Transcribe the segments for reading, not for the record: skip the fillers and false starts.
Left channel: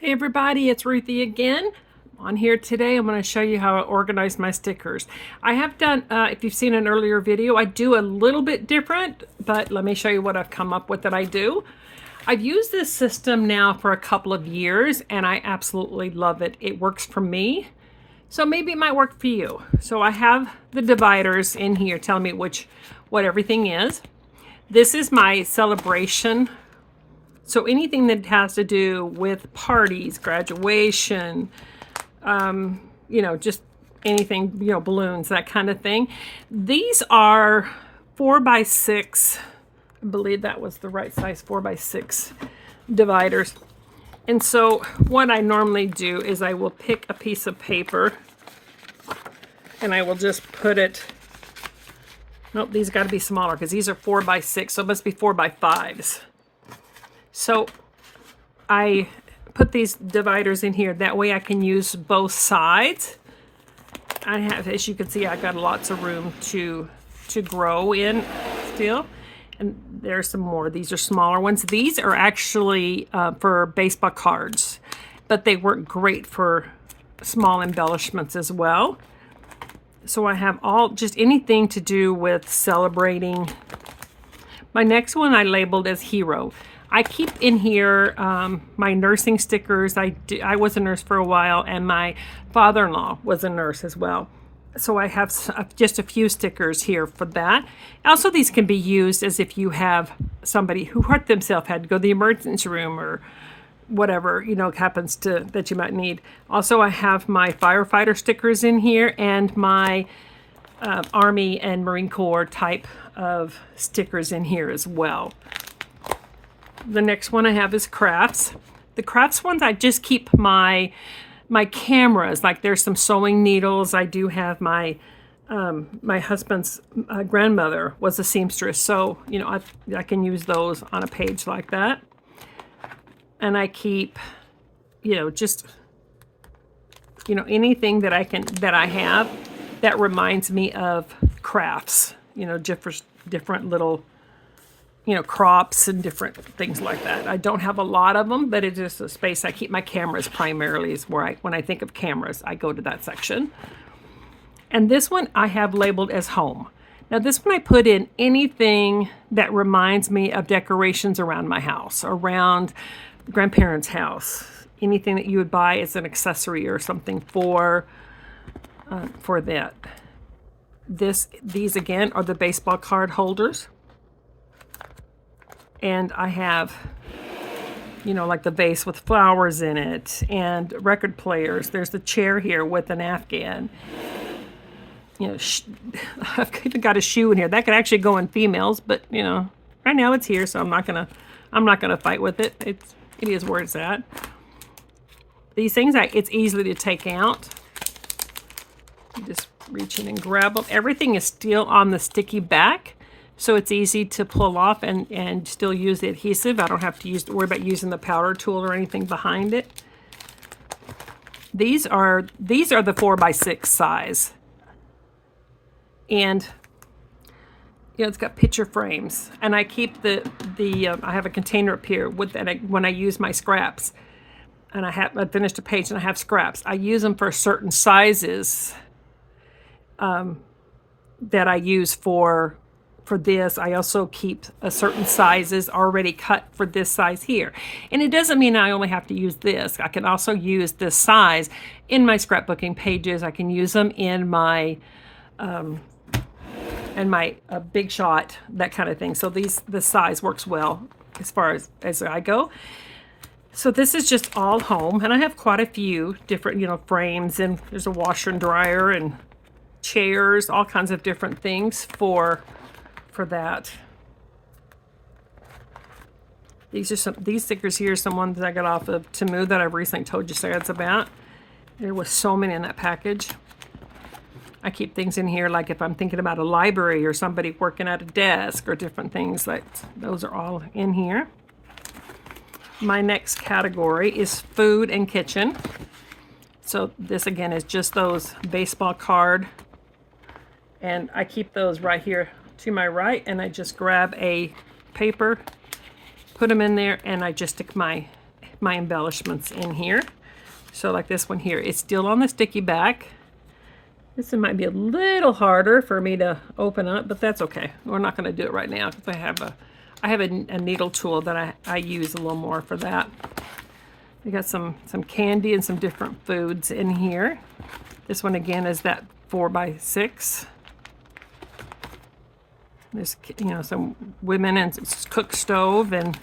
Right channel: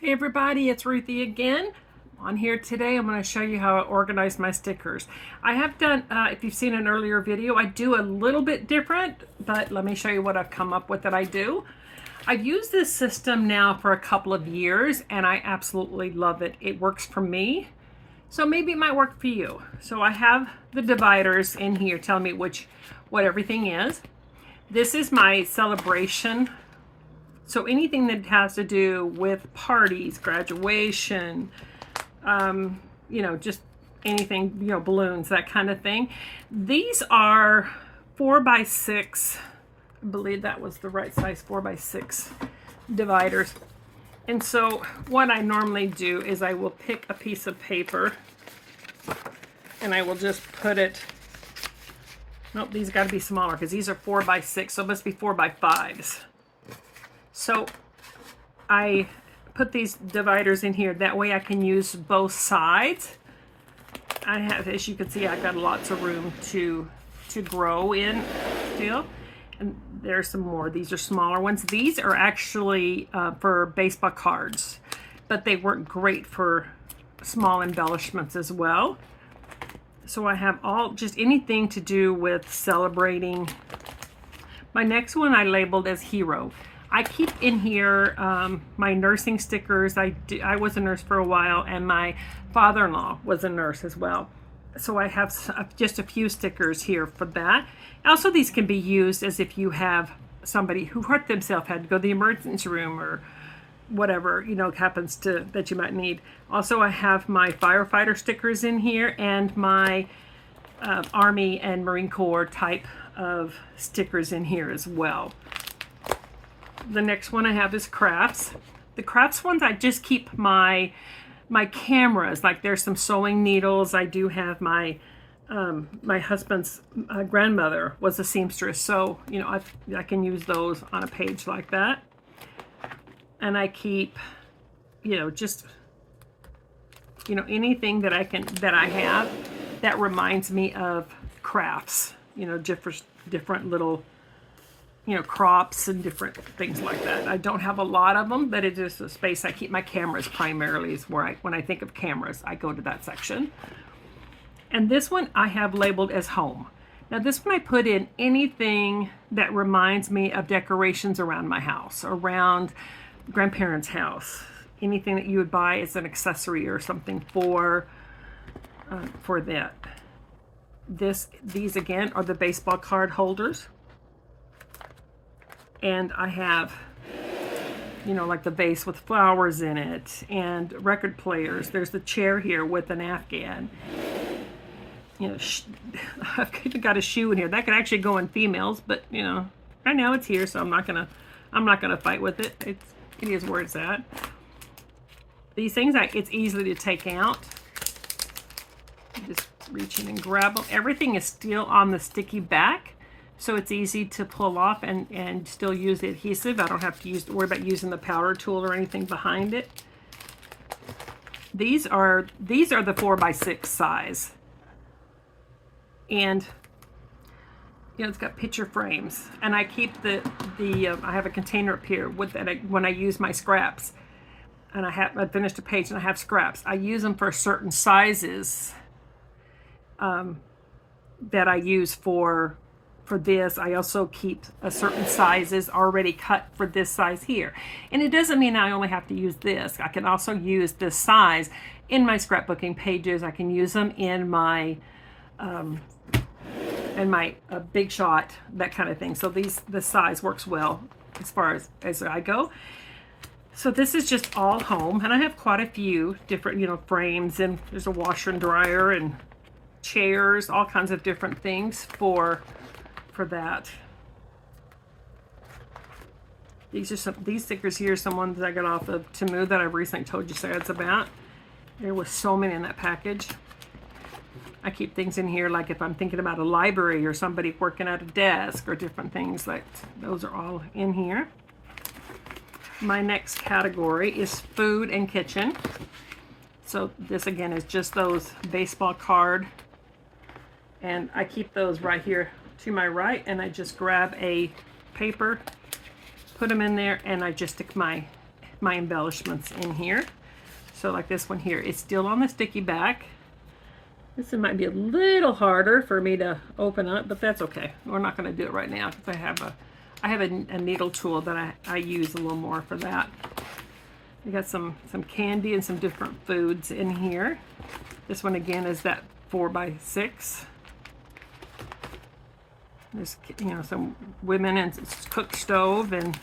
Hey everybody, it's Ruthie again. On here today, I'm going to show you how I organize my stickers. I have done, if you've seen an earlier video, I do a little bit different, but let me show you what I've come up with that I do. I've used this system now for a couple of years and I absolutely love it. It works for me, so maybe it might work for you. So I have the dividers in here telling me what everything is. This is my celebration. So anything that has to do with parties, graduation, just anything, balloons, that kind of thing. These are 4x6. I believe that was the right size, 4x6 dividers. And so what I normally do is I will pick a piece of paper and I will just put it, nope, these got to be smaller because these are 4x6, so it must be 4x5s. So I put these dividers in here. That way I can use both sides. I have, as you can see, I've got lots of room to grow in still. And there's some more. These are smaller ones. These are actually for baseball cards, but they work great for small embellishments as well. So I have just anything to do with celebrating. My next one I labeled as Hero. I keep in here my nursing stickers. I was a nurse for a while, and my father-in-law was a nurse as well. So I have just a few stickers here for that. Also, these can be used as if you have somebody who hurt themselves, had to go to the emergency room or whatever, happens that you might need. Also, I have my firefighter stickers in here and my Army and Marine Corps type of stickers in here as well. The next one I have is crafts. The crafts ones, I just keep my cameras. Like there's some sewing needles. I do have my husband's grandmother was a seamstress, so I can use those on a page like that. And I keep just anything that I have that reminds me of crafts. Different little crops and different things like that. I don't have a lot of them, but it is a space I keep my cameras primarily is where when I think of cameras, I go to that section. And this one I have labeled as home. Now this one I put in anything that reminds me of decorations around my house, around grandparents' house, anything that you would buy as an accessory or something for that. These again are the baseball card holders. And I have, like the vase with flowers in it and record players. There's the chair here with an Afghan. I've even got a shoe in here. That could actually go in females, but right now it's here, so I'm not gonna fight with it. It is where it's at. These things, it's easily to take out. Just reach in and grab them. Everything is still on the sticky back, so it's easy to pull off and still use the adhesive. I don't have to worry about using the powder tool or anything behind it. These are the 4x6 size. And it's got picture frames. And I keep I have a container up here with that when I use my scraps. And I finished a page and I have scraps. I use them for certain sizes that I use for this. I also keep certain sizes already cut for this size here. And it doesn't mean I only have to use this. I can also use this size in my scrapbooking pages. I can use them in my Big Shot, that kind of thing. So this size works well as far as I go. So this is just all home, and I have quite a few different frames, and there's a washer and dryer and chairs, all kinds of different things for that. These stickers here are some ones that I got off of Temu that I've recently told you ads about. There was so many in that package. I keep things in here like if I'm thinking about a library or somebody working at a desk or different things, like those are all in here. My next category is food and kitchen. So this again is just those baseball card, and I keep those right here to my right, and I just grab a paper, put them in there, and I just stick my my embellishments in here. So like this one here, it's still on the sticky back. This one might be a little harder for me to open up, but that's okay. We're not going to do it right now because I have a needle tool that I use a little more for that. We got some candy and some different foods in here. This one again is that 4x6. There's, you know, some women and cook stove, and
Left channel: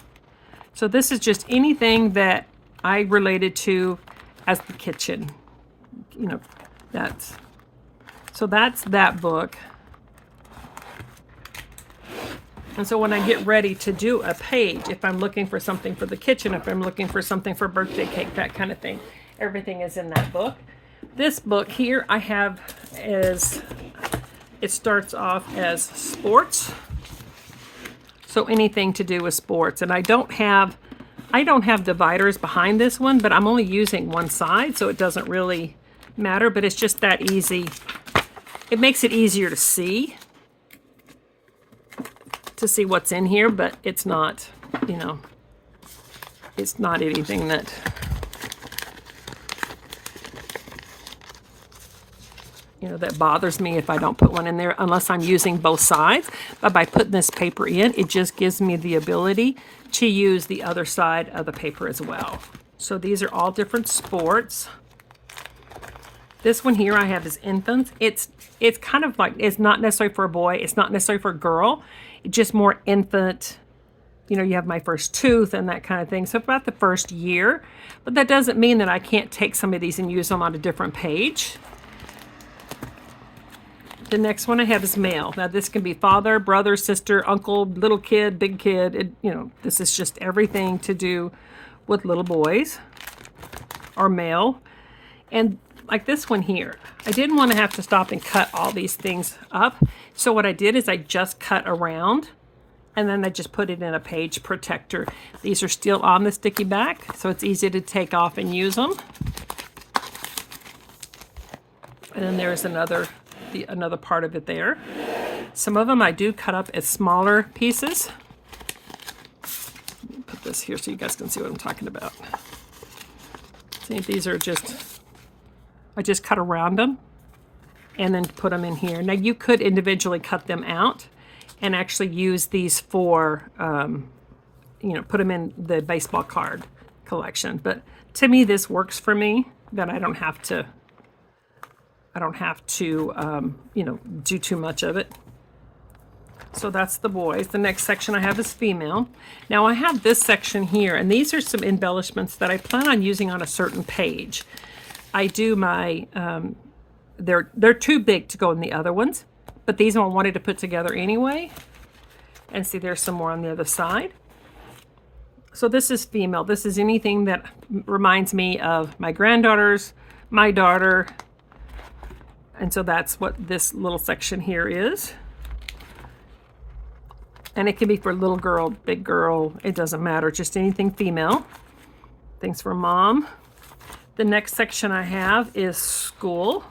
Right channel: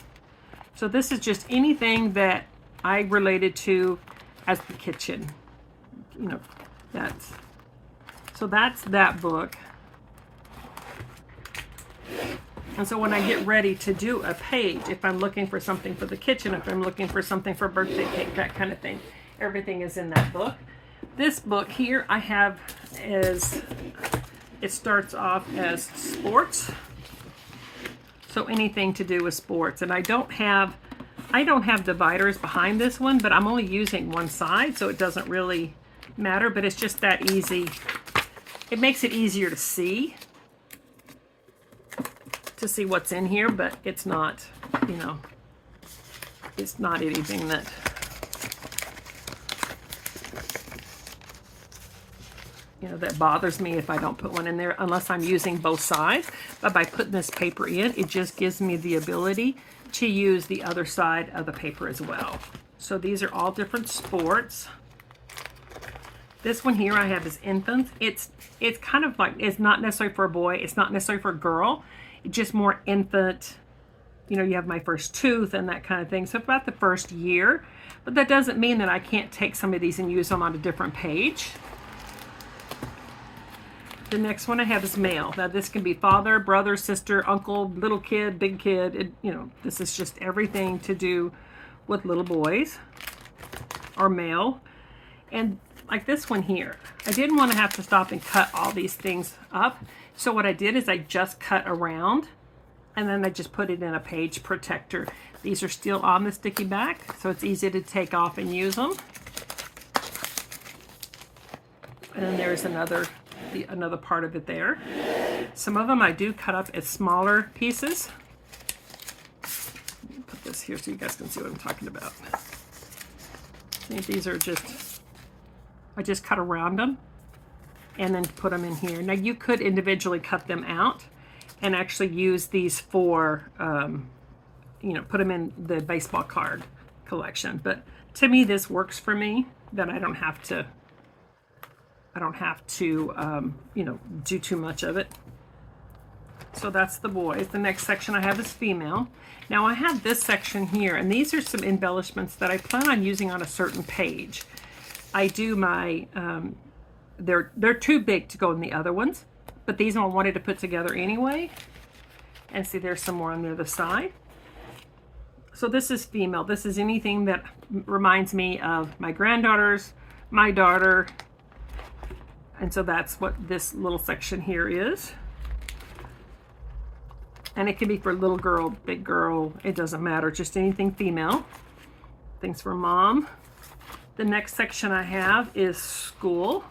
so this is just anything that I related to as the kitchen. You know, that's that book. And so when I get ready to do a page, if I'm looking for something for the kitchen, if I'm looking for something for birthday cake, that kind of thing, everything is in that book. This book here I have is, it starts off as sports. So anything to do with sports. And I don't have dividers behind this one, but I'm only using one side, so it doesn't really matter, but it's just that easy. It makes it easier to see what's in here, but it's not, you know, it's not anything that that bothers me if I don't put one in there, unless I'm using both sides. But by putting this paper in, it just gives me the ability to use the other side of the paper as well. So these are all different sports. This one here I have is infants. It's kind of like, it's not necessarily for a boy, it's not necessarily for a girl, it's just more infant. You know, you have my first tooth and that kind of thing. So about the first year, but that doesn't mean that I can't take some of these and use them on a different page. The next one I have is male. Now this can be father, brother, sister, uncle, little kid, big kid. You know, this is just everything to do with little boys or male. And like this one here, I didn't want to have to stop and cut all these things up. So what I did is I just cut around and then I just put it in a page protector. These are still on the sticky back, so it's easy to take off and use them. And then there's another part of it there. Some of them I do cut up as smaller pieces. Let me put this here so you guys can see what I'm talking about. See, these are just, I just cut around them and then put them in here. Now you could individually cut them out and actually use these for, you know, put them in the baseball card collection. But to me, this works for me, that I don't have to, you know, do too much of it. So that's the boys. The next section I have is female. Now I have this section here, and these are some embellishments that I plan on using on a certain page. I do my, they're too big to go in the other ones, but these I wanted to put together anyway. And see, there's some more on the other side. So this is female. This is anything that reminds me of my granddaughters, my daughter. And so that's what this little section here is. And it can be for little girl, big girl, it doesn't matter, just anything female. Things for mom. The next section I have is school.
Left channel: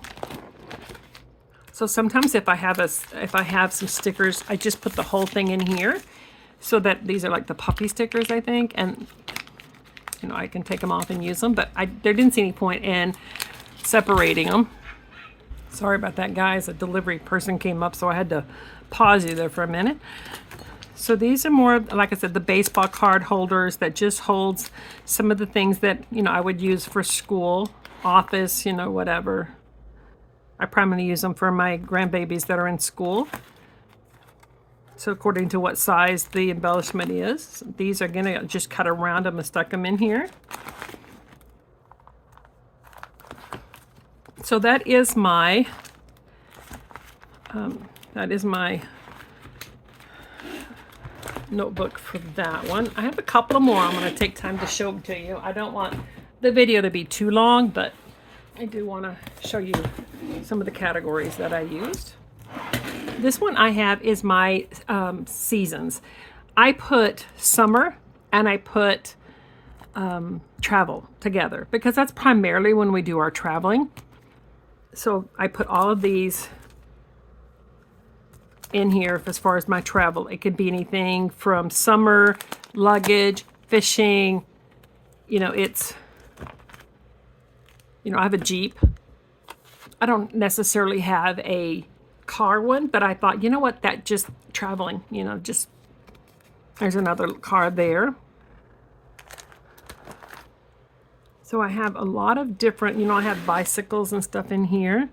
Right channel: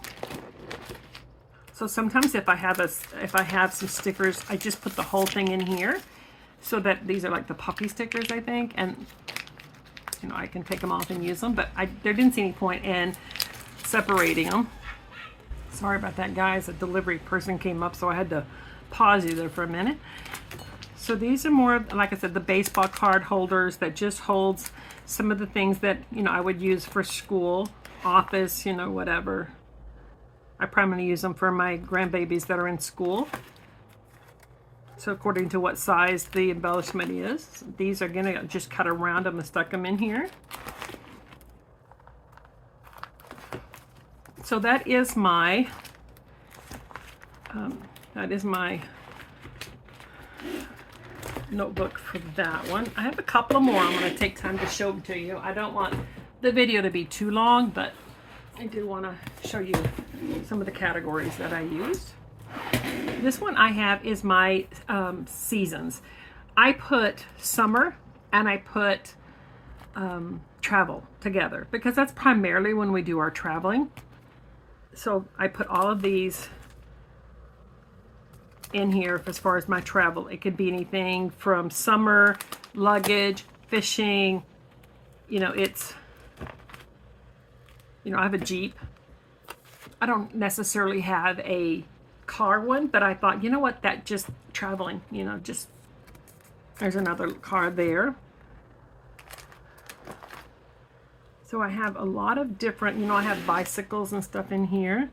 So sometimes if I have some stickers, I just put the whole thing in here, so that these are like the puppy stickers, I think, and you know, I can take them off and use them, but there didn't see any point in separating them. Sorry about that, guys. A delivery person came up, so I had to pause you there for a minute. So these are more, like I said, the baseball card holders that just holds some of the things that, you know, I would use for school, office, you know, whatever. I primarily use them for my grandbabies that are in school. So according to what size the embellishment is, these are gonna just cut around them and stuck them in here. So that is my notebook for that one. I have a couple more I'm going to take time to show to you. I don't want the video to be too long, but I do want to show you some of the categories that I used. This one I have is my seasons. I put summer and I put travel together because that's primarily when we do our traveling. So I put all of these in here as far as my travel. It could be anything from summer, luggage, fishing, you know, it's, you know, I have a Jeep. I don't necessarily have a car one, but I thought, you know what, that just traveling, you know, just, there's another car there. So I have a lot of different, you know, I have bicycles and stuff in here.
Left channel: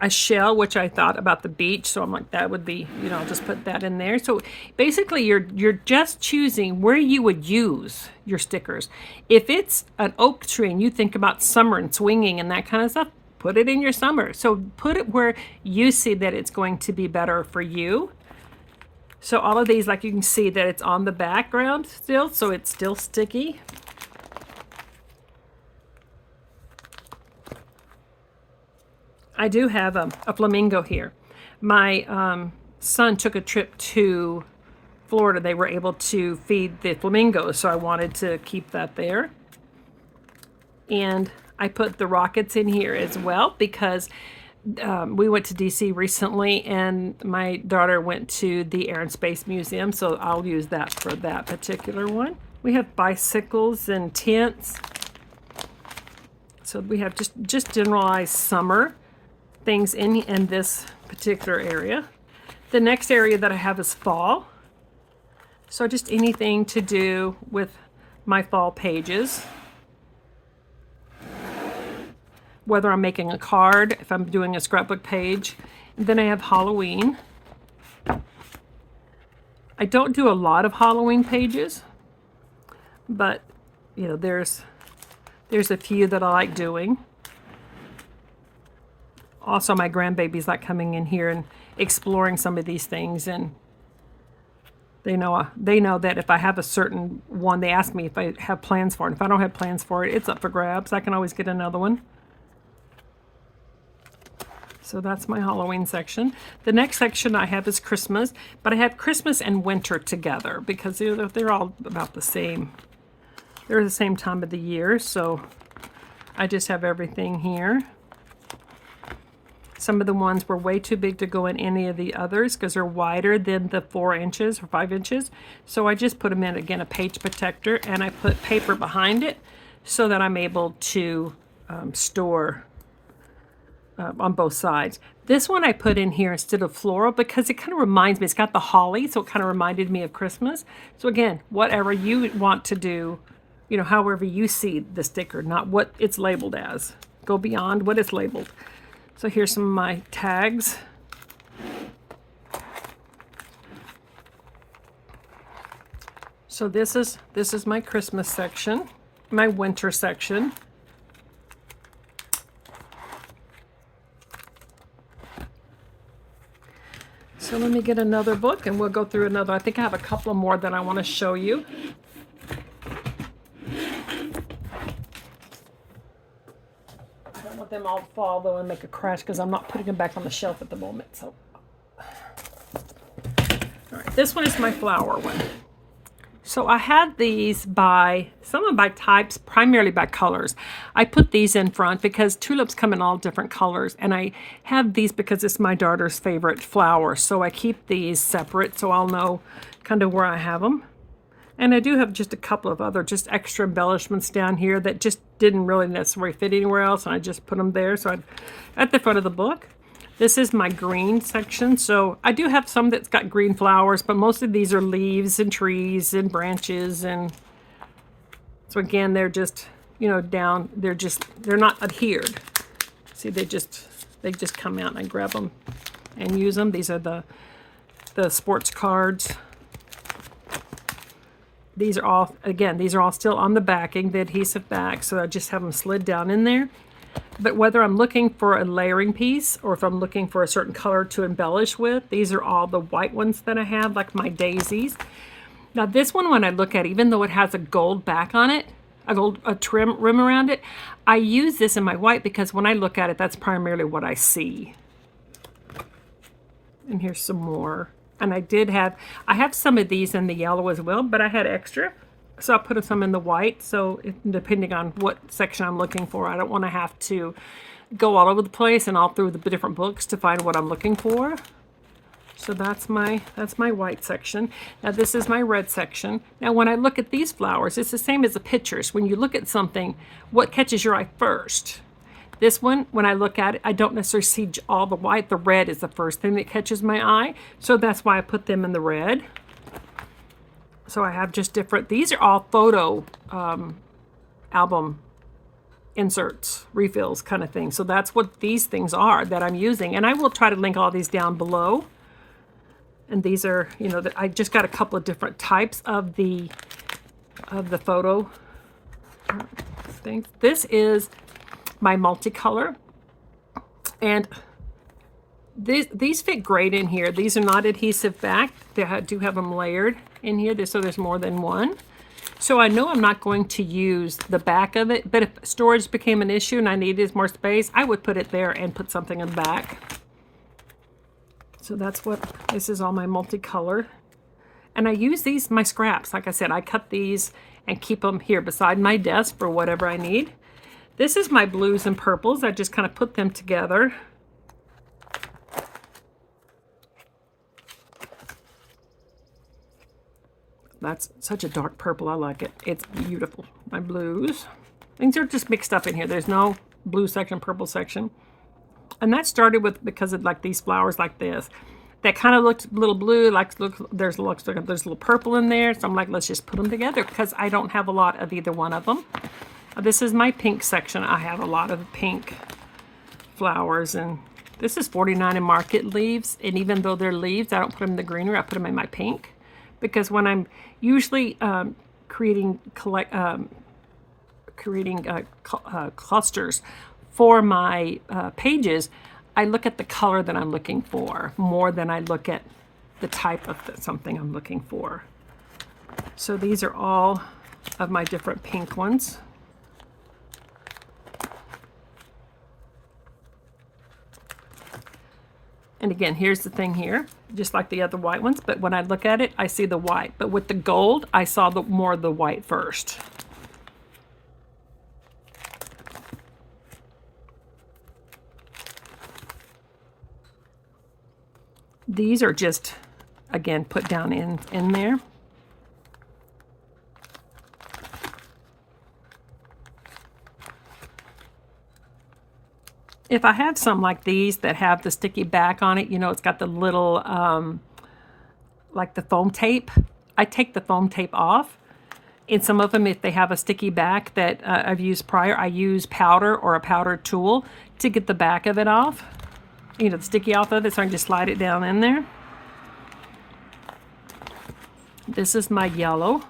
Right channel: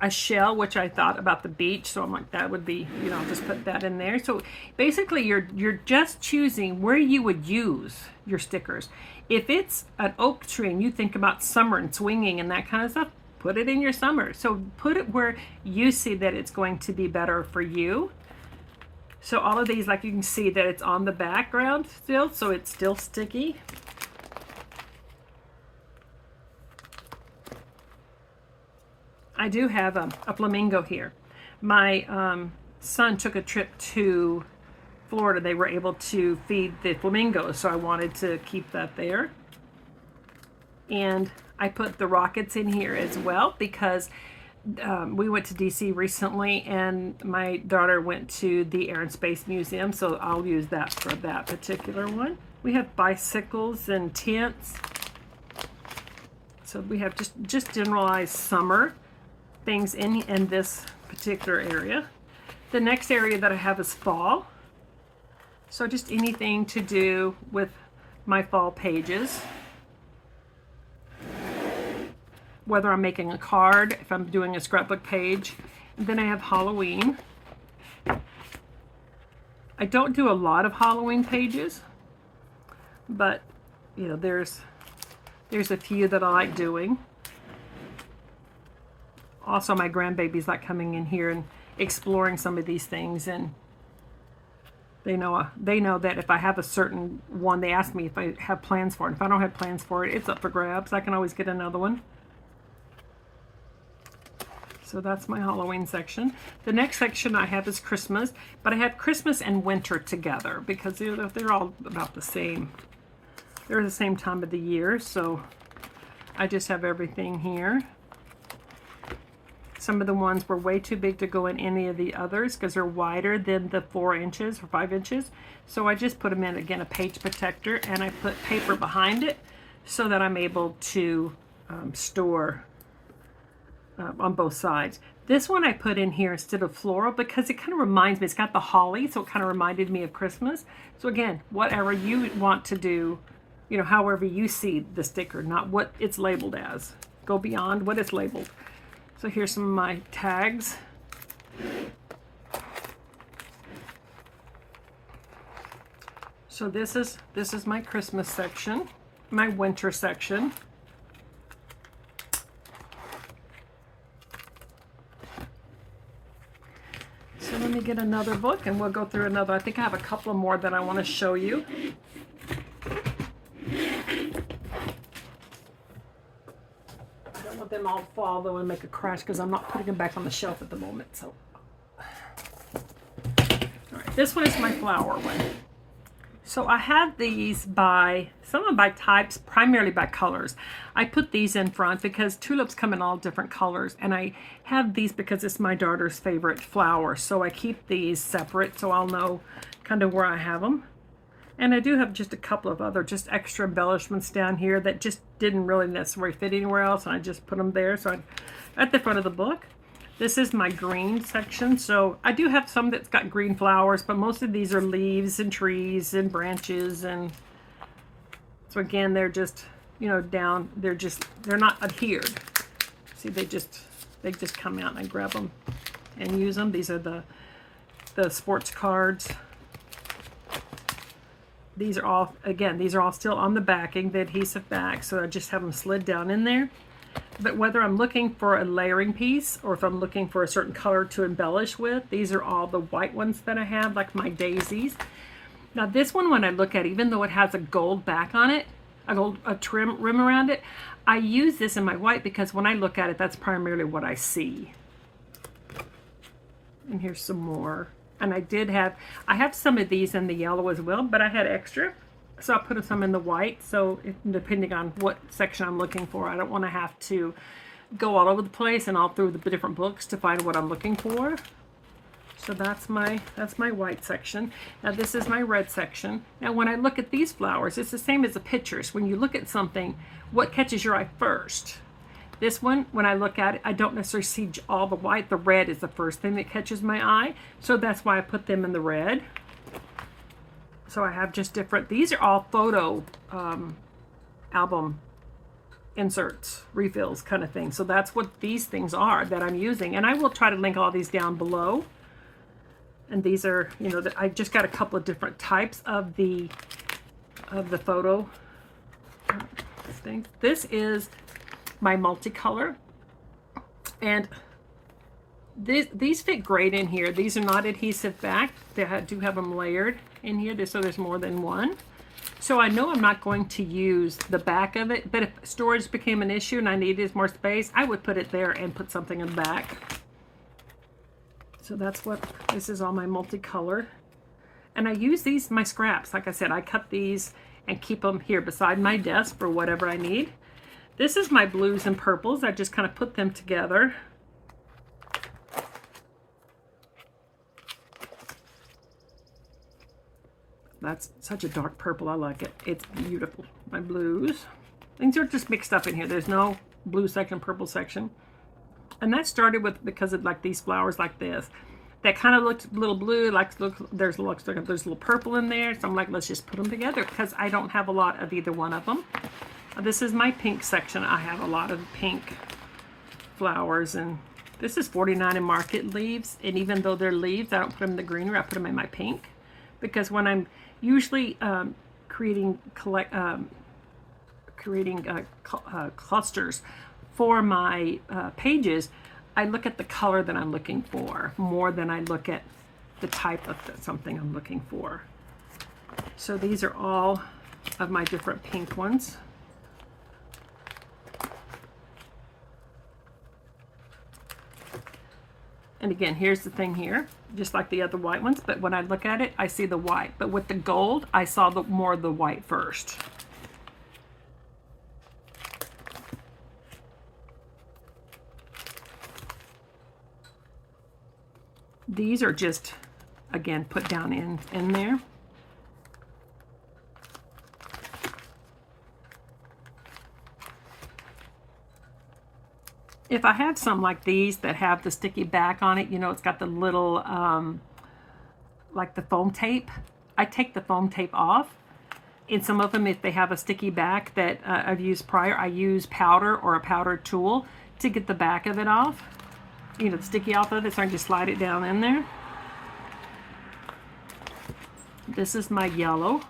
A shell, which I thought about the beach, so I'm like, that would be, you know, just put that in there. So basically you're just choosing where you would use your stickers. If it's an oak tree and you think about summer and swinging and that kind of stuff, put it in your summer. So put it where you see that it's going to be better for you. So all of these, like you can see that it's on the background still, so it's still sticky. I do have a flamingo here. My son took a trip to Florida. They were able to feed the flamingos, so I wanted to keep that there. And I put the rockets in here as well because we went to DC recently and my daughter went to the Air and Space Museum, so I'll use that for that particular one. We have bicycles and tents. So we have just generalized summer things in this particular area. The next area that I have is fall. So just anything to do with my fall pages. Whether I'm making a card, if I'm doing a scrapbook page. And then I have Halloween. I don't do a lot of Halloween pages, but you know, there's a few that I like doing. Also, my grandbabies like coming in here and exploring some of these things, and they know that if I have a certain one, they ask me if I have plans for it. If I don't have plans for it, it's up for grabs. I can always get another one. So that's my Halloween section. The next section I have is Christmas, but I have Christmas and winter together because they're all about the same. They're the same time of the year, so I just have everything here. Some of the ones were way too big to go in any of the others because they're wider than the 4 inches or 5 inches. So I just put them in, again, a page protector, and I put paper behind it so that I'm able to store on both sides. This one I put in here instead of floral because it kind of reminds me, it's got the holly, so it kind of reminded me of Christmas. So again, whatever you want to do, you know, however you see the sticker, not what it's labeled as. Go beyond what it's labeled. So here's some of my tags. So this is my Christmas section, my winter section. So let me get another book and we'll go through another. I think I have a couple more that I want to show you. Them all fall though and make a crash because I'm not putting them back on the shelf at the moment. So, all right, this one is my flower one. So I had these by some of them by types, primarily by colors. I put these in front because tulips come in all different colors, and I have these because it's my daughter's favorite flower. So I keep these separate so I'll know kind of where I have them. And I do have just a couple of other just extra embellishments down here that just didn't really necessarily fit anywhere else, and I just put them there. So at the front of the book. This is my green section. So I do have some that's got green flowers, but most of these are leaves and trees and branches. And so again, they're just, you know, down, they're not adhered. See, they just come out and I grab them and use them. These are the sports cards. These are all, again, these are all still on the backing, the adhesive back, so I just have them slid down in there. But whether I'm looking for a layering piece or if I'm looking for a certain color to embellish with, these are all the white ones that I have, like my daisies. Now this one, when I look at it, even though it has a gold back on it, a trim rim around it, I use this in my white because when I look at it, that's primarily what I see. And here's some more. And I have some of these in the yellow as well, but I had extra. So I put some in the white. So depending on what section I'm looking for, I don't want to have to go all over the place and all through the different books to find what I'm looking for. So that's my white section. Now this is my red section. Now when I look at these flowers, it's the same as the pictures. When you look at something, what catches your eye first? This one, when I look at it, I don't necessarily see all the white. The red is the first thing that catches my eye. So that's why I put them in the red. So I have just different, these are all photo album inserts, refills kind of thing. So that's what these things are that I'm using. And I will try to link all these down below. And these are, you know, I just got a couple of different types of the photo things. This is my multicolor, and these fit great in here. These are not adhesive back. They do have them layered in here, so there's more than one. So I know I'm not going to use the back of it, but if storage became an issue and I needed more space, I would put it there and put something in the back. So that's what, this is all my multicolor. And I use these, my scraps. Like I said, I cut these and keep them here beside my desk for whatever I need. This is my blues and purples. I just kind of put them together. That's such a dark purple. I like it. It's beautiful. My blues. Things are just mixed up in here. There's no blue section, purple section. And that started with, because of like these flowers like this. That kind of looked a little blue, like look, there's a little purple in there. So I'm like, let's just put them together because I don't have a lot of either one of them. This is my pink section. I have a lot of pink flowers, and this is 49 in Market leaves. And even though they're leaves, I don't put them in the greenery. I put them in my pink, because when I'm usually creating clusters for my pages, I look at the color that I'm looking for more than I look at the type of something I'm looking for. So these are all of my different pink ones. And again, here's the thing here, just like the other white ones, but when I look at it, I see the white. But with the gold, I saw more of the white first. These are just, again, put down in there. If I have some like these that have the sticky back on it, you know, it's got the little, like the foam tape. I take the foam tape off. And some of them, if they have a sticky back that I've used prior, I use powder or a powder tool to get the back of it off. You know, the sticky off of it, so I can just slide it down in there. This is my yellow.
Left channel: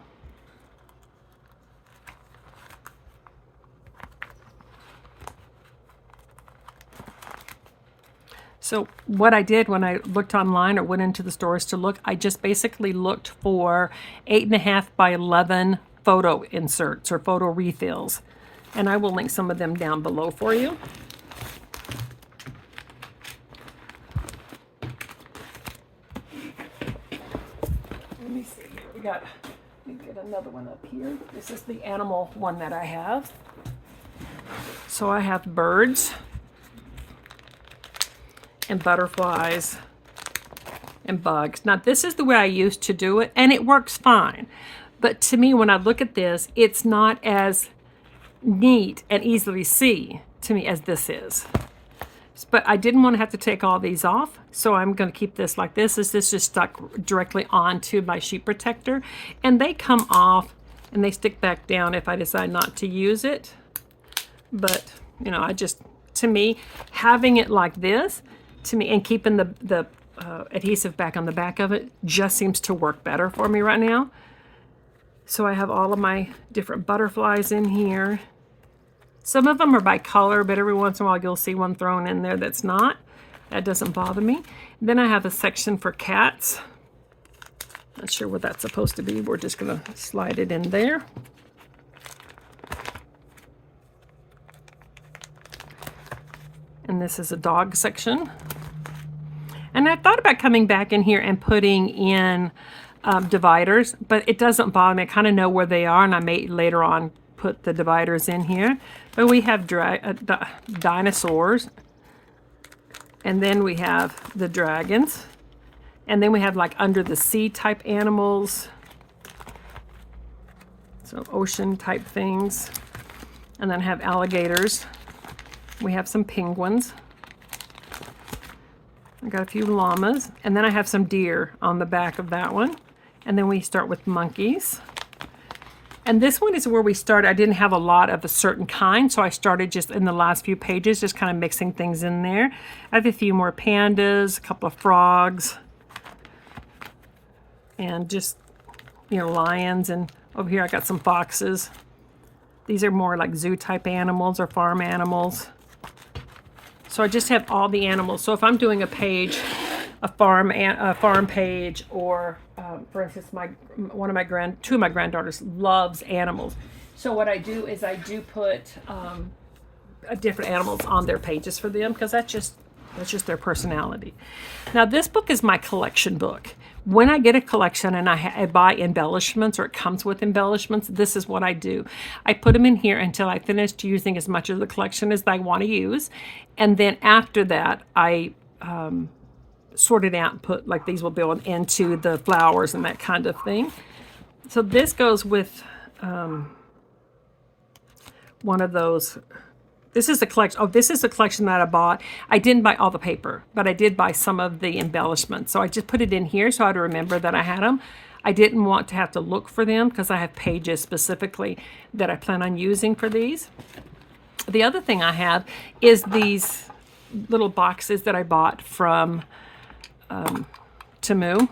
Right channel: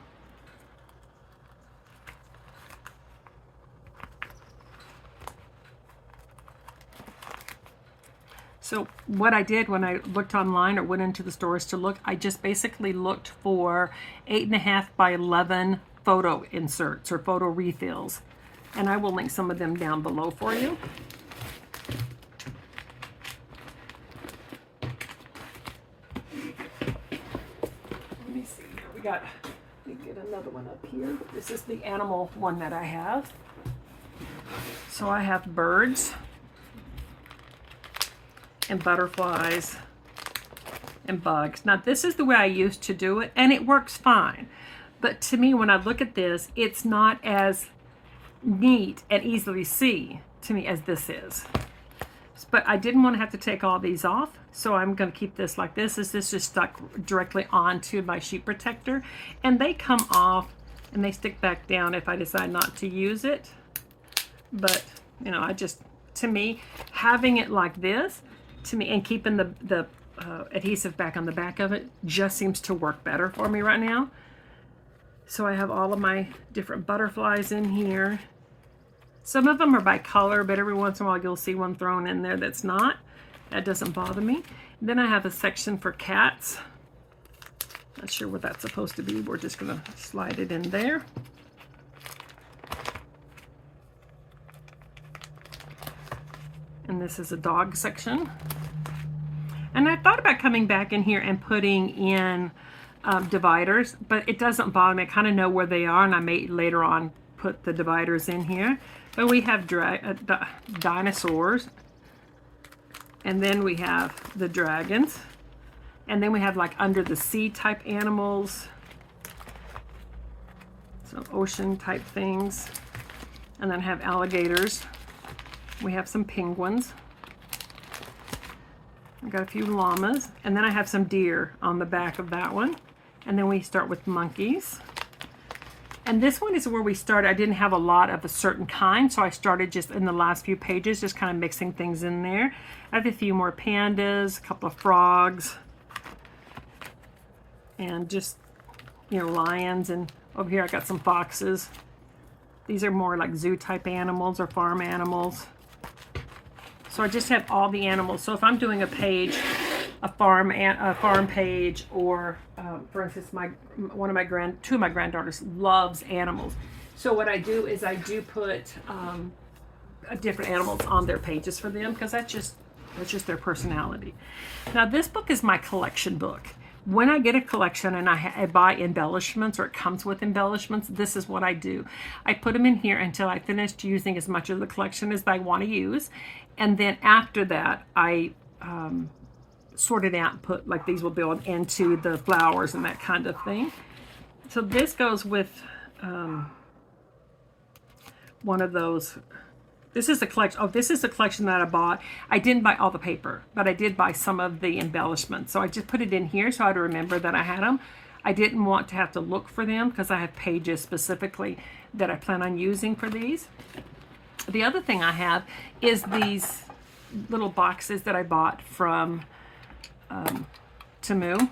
So what I did when I looked online or went into the stores to look, I just basically looked for 8.5 by 11 photo inserts or photo refills. And I will link some of them down below for you. Let me see here. Let me get another one up here. This is the animal one that I have. So I have birds and butterflies and bugs. Now this is the way I used to do it, and it works fine. But to me, when I look at this, it's not as neat and easily see to me as this is. But I didn't want to have to take all these off, so I'm going to keep this like this. This is just stuck directly onto my sheet protector, and they come off and they stick back down if I decide not to use it. But you know, to me, having it like this, to me, and keeping the adhesive back on the back of it just seems to work better for me right now. So I have all of my different butterflies in here. Some of them are by color, but every once in a while you'll see one thrown in there that's not. That doesn't bother me. Then I have a section for cats. Not sure what that's supposed to be. We're just gonna slide it in there. And this is a dog section. And I thought about coming back in here and putting in dividers, but it doesn't bother me. I kind of know where they are, and I may later on put the dividers in here. But we have dinosaurs, and then we have the dragons, And then we have like under the sea type animals. So ocean type things. And then have alligators. We have some penguins. I got a few llamas. And then I have some deer on the back of that one. And then we start with monkeys. And this one is where we started. I didn't have a lot of a certain kind, so I started just in the last few pages, just kind of mixing things in there. I have a few more pandas, a couple of frogs, and just, you know, lions. And over here I got some foxes. These are more like zoo type animals or farm animals. So I just have all the animals. So if I'm doing a page, a farm page, or for instance, two of my granddaughters loves animals. So what I do is I do put different animals on their pages for them, because that's just their personality. Now this book is my collection book. When I get a collection and I buy embellishments, or it comes with embellishments, this is what I do. I put them in here until I finish using as much of the collection as I want to use. And then after that, I sort it out and put, like, these will go into the flowers and that kind of thing. So this goes with one of those. This is a collection. Oh, this is a collection that I bought. I didn't buy all the paper, but I did buy some of the embellishments. So I just put it in here so I'd remember that I had them. I didn't want to have to look for them because I have pages specifically that I plan on using for these. The other thing I have is these little boxes that I bought from Temu.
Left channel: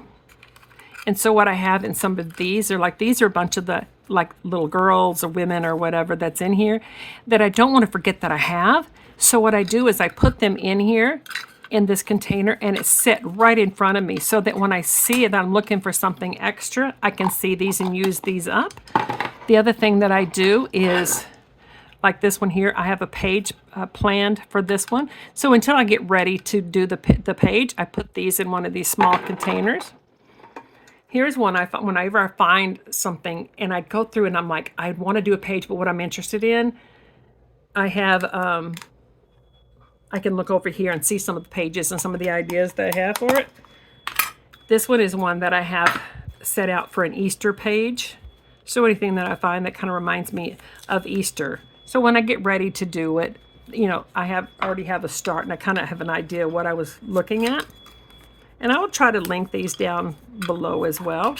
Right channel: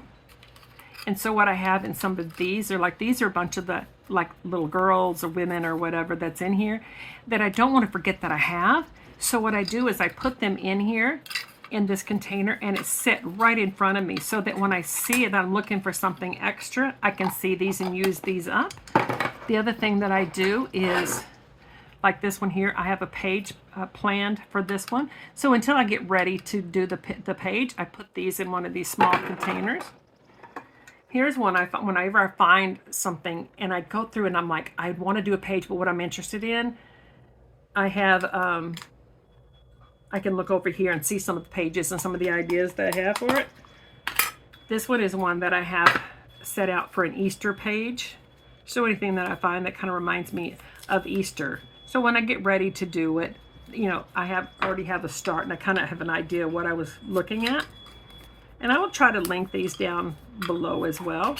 And so what I have in some of these are like, these are a bunch of the like little girls or women or whatever that's in here that I don't want to forget that I have. So what I do is I put them in here in this container, and it's set right in front of me so that when I see it, I'm looking for something extra, I can see these and use these up. The other thing that I do is, like this one here, I have a page planned for this one. So until I get ready to do the page, I put these in one of these small containers. Here's one I thought, whenever I find something and I go through and I'm like, I want to do a page, but what I'm interested in, I have, I can look over here and see some of the pages and some of the ideas that I have for it. This one is one that I have set out for an Easter page. So anything that I find that kind of reminds me of Easter. So when I get ready to do it, you know, I already have a start and I kind of have an idea of what I was looking at. And I will try to link these down below as well.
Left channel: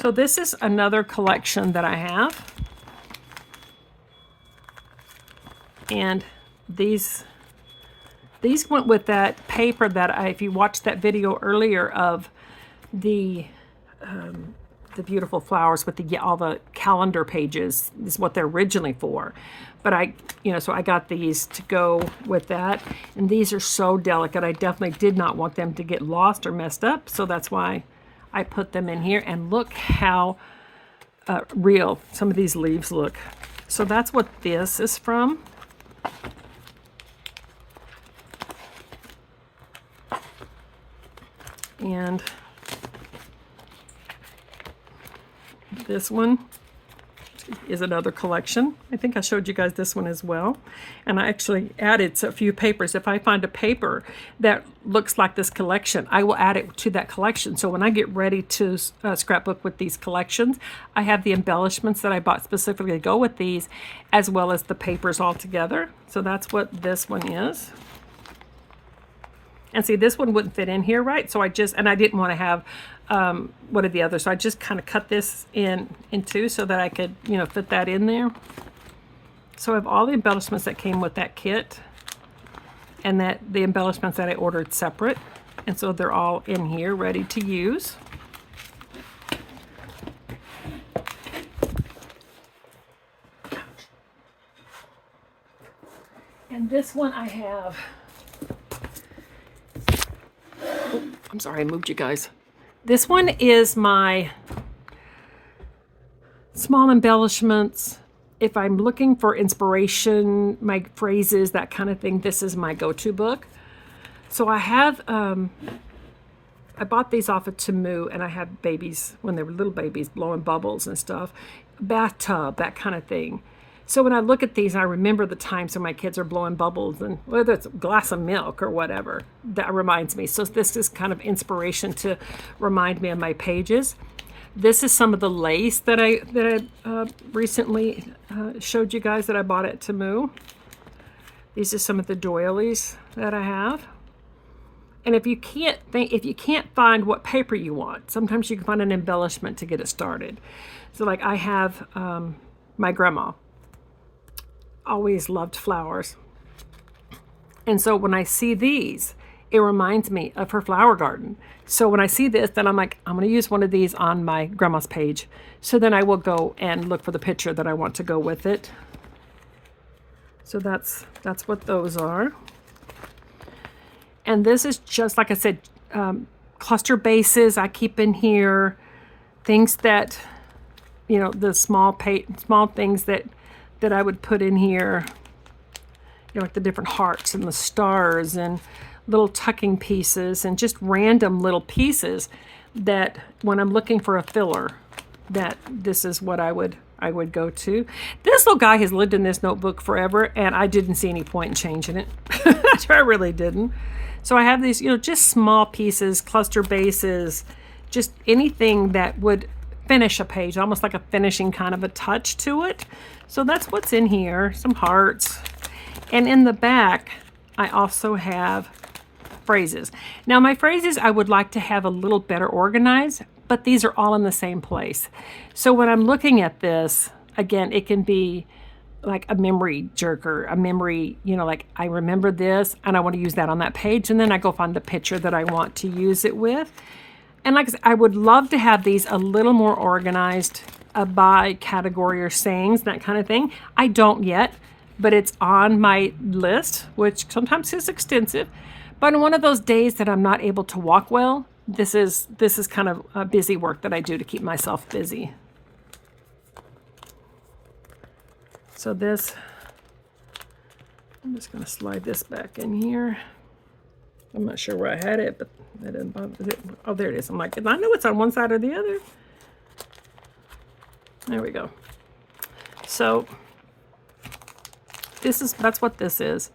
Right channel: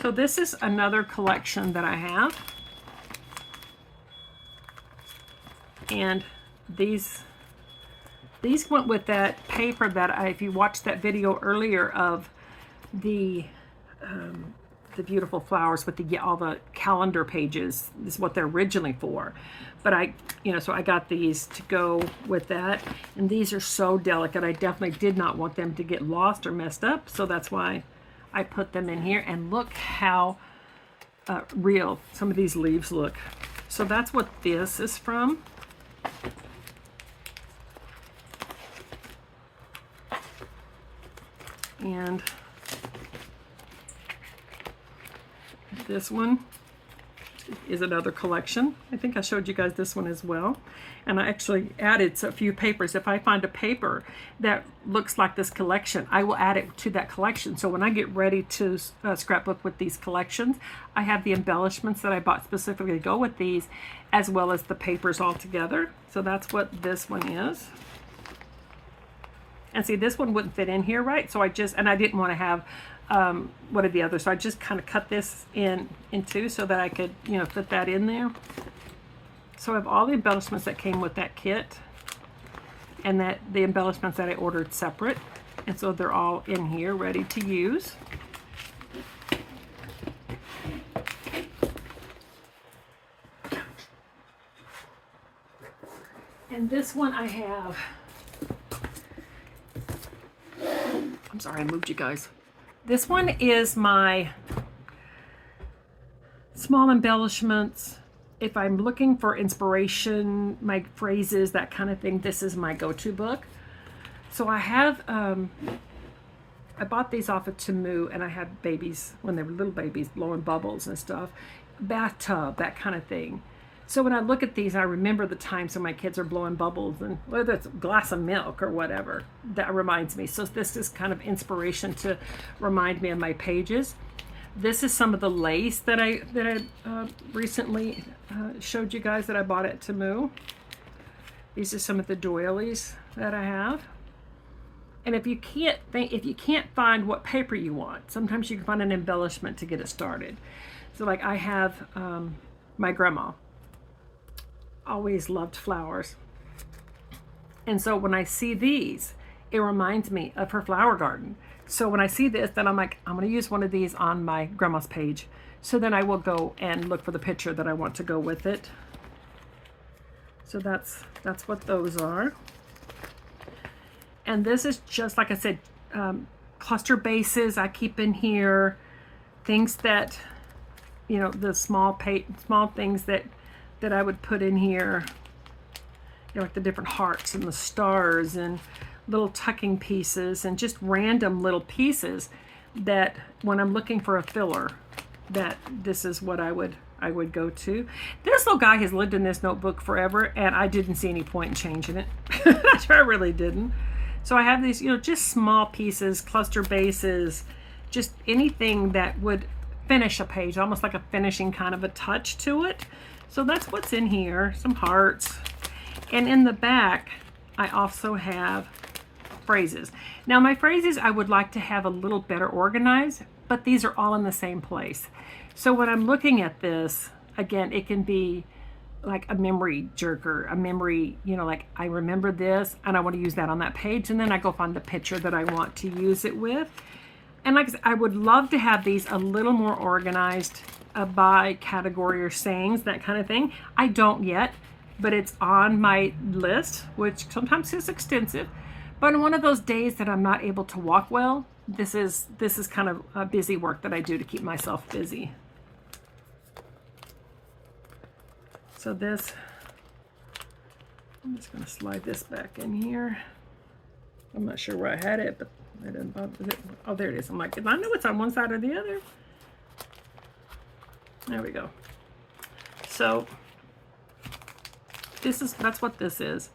So this is another collection that I have. And these went with that paper that if you watched that video earlier of the beautiful flowers with all the calendar pages, is what they're originally for. But so I got these to go with that. And these are so delicate. I definitely did not want them to get lost or messed up. So that's why I put them in here. And look how real some of these leaves look. So that's what this is from. And this one is another collection. I think I showed you guys this one as well. And I actually added a few papers. If I find a paper that looks like this collection, I will add it to that collection. So when I get ready to scrapbook with these collections, I have the embellishments that I bought specifically to go with these, as well as the papers all together. So that's what this one is. And see, this one wouldn't fit in here, right? So I didn't want to have one of the others. So I just kind of cut this in two so that I could, fit that in there. So I have all the embellishments that came with that kit, and the embellishments that I ordered separate. And so they're all in here ready to use. And this one I have, I'm sorry, I moved you guys. This one is my small embellishments. If I'm looking for inspiration, my phrases, that kind of thing, this is my go-to book. So I have, I bought these off of Temu, and I had babies, when they were little babies, blowing bubbles and stuff. Bathtub, that kind of thing. So when I look at these, I remember the times when my kids are blowing bubbles, and whether it's a glass of milk or whatever, that reminds me. So this is kind of inspiration to remind me of my pages. This is some of the lace that I recently showed you guys that I bought at Temu. These are some of the doilies that I have. And if you can't find what paper you want, sometimes you can find an embellishment to get it started. So like I have my grandma always loved flowers. And so when I see these, it reminds me of her flower garden. So when I see this, then I'm like, I'm going to use one of these on my grandma's page. So then I will go and look for the picture that I want to go with it. So that's what those are. And this is just, like I said, cluster bases I keep in here. Things that, you know, the small things that I would put in here, you know, like the different hearts and the stars and little tucking pieces and just random little pieces that when I'm looking for a filler, that this is what I would go to. This little guy has lived in this notebook forever, and I didn't see any point in changing it. I really didn't. So I have these, you know, just small pieces, cluster bases, just anything that would finish a page, almost like a finishing kind of a touch to it. So that's what's in here, some hearts. And in the back, I also have phrases. Now my phrases I would like to have a little better organized, but these are all in the same place. So when I'm looking at this, again, it can be like a memory jerker, a memory, you know, like I remember this and I want to use that on that page, and then I go find the picture that I want to use it with. And like I said, I would love to have these a little more organized by category or sayings, that kind of thing. I don't yet, but it's on my list, which sometimes is extensive. But on one of those days that I'm not able to walk well, this is kind of a busy work that I do to keep myself busy. So this, I'm just going to slide this back in here. I'm not sure where I had it, but I didn't bother it. Oh, there it is. I'm like, I know it's on one side or the other. There we go. So that's what this is.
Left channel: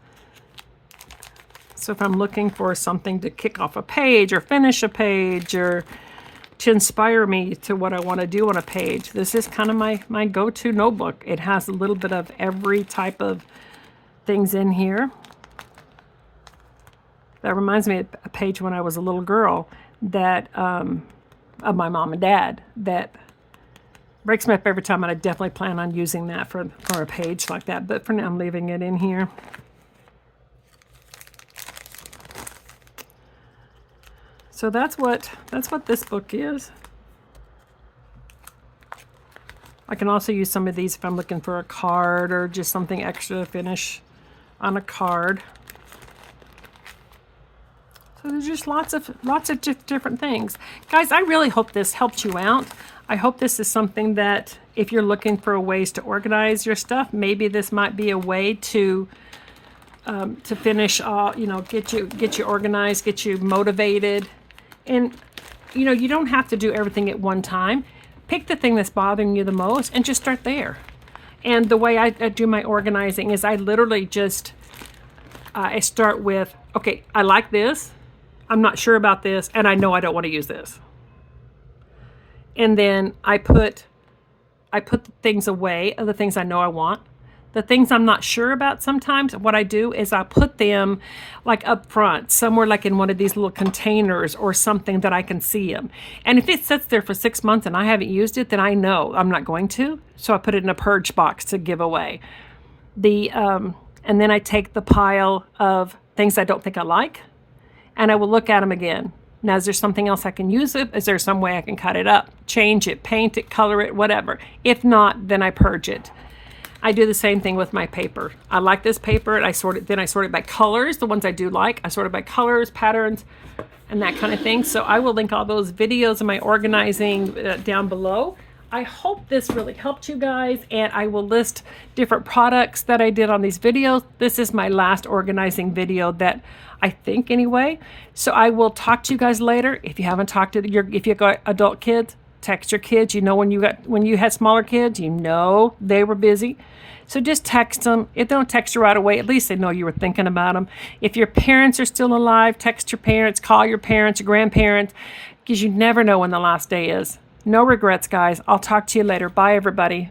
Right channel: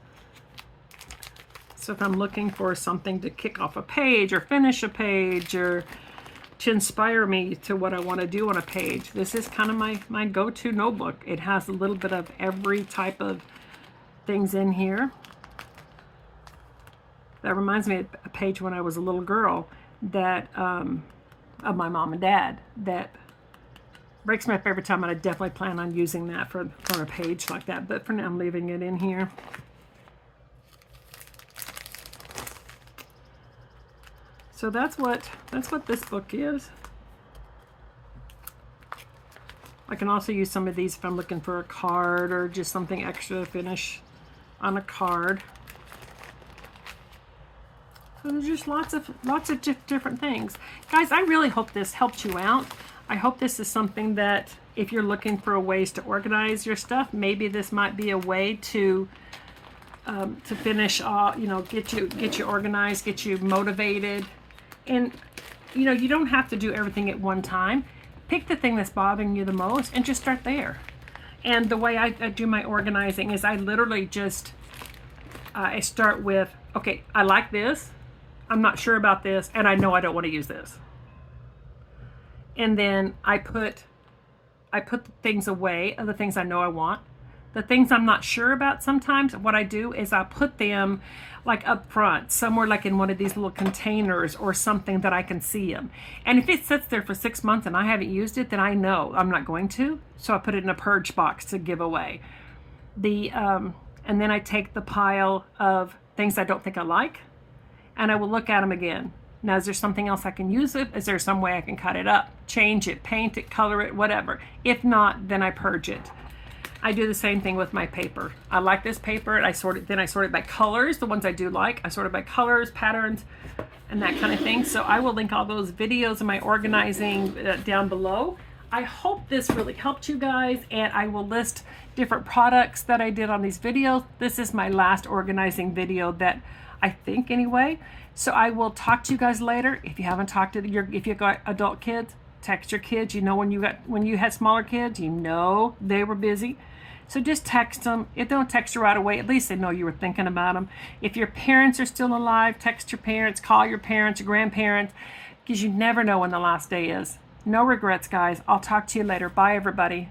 So if I'm looking for something to kick off a page or finish a page or to inspire me to what I want to do on a page, this is kind of my go-to notebook. It has a little bit of every type of things in here. That reminds me of a page when I was a little girl that of my mom and dad that breaks me up every time, and I definitely plan on using that for a page like that. But for now, I'm leaving it in here. So that's what this book is. I can also use some of these if I'm looking for a card or just something extra to finish on a card. So there's just lots of different things. Guys, I really hope this helped you out. I hope this is something that if you're looking for ways to organize your stuff, maybe this might be a way to finish, you know, get you organized, get you motivated. And, you know, you don't have to do everything at one time. Pick the thing that's bothering you the most and just start there. And the way I do my organizing is I literally just, I start with, okay, I like this. I'm not sure about this, and I know I don't want to use this. And then I put the things away of the things I know I want. The things I'm not sure about, sometimes what I do is I put them like up front, somewhere like in one of these little containers or something that I can see them. And if it sits there for 6 months and I haven't used it, then I know I'm not going to. So I put it in a purge box to give away. And then I take the pile of things I don't think I like, and I will look at them again. Now, is there something else I can use it? Is there some way I can cut it up, change it, paint it, color it, whatever? If not, then I purge it. I do the same thing with my paper. I like this paper, and I sort it by colors, the ones I do like. I sort it by colors, patterns, and that kind of thing. So I will link all those videos of my organizing down below. I hope this really helped you guys, and I will list different products that I did on these videos. This is my last organizing video that I think anyway. So I will talk to you guys later. If you haven't talked to if you've got adult kids, Text your kids. You know, when you had smaller kids, you know they were busy. So just text them. If they don't text you right away, at least they know you were thinking about them. If your parents are still alive, text your parents, call your parents, your grandparents, because you never know when the last day is. No regrets, guys. I'll talk to you later. Bye, everybody.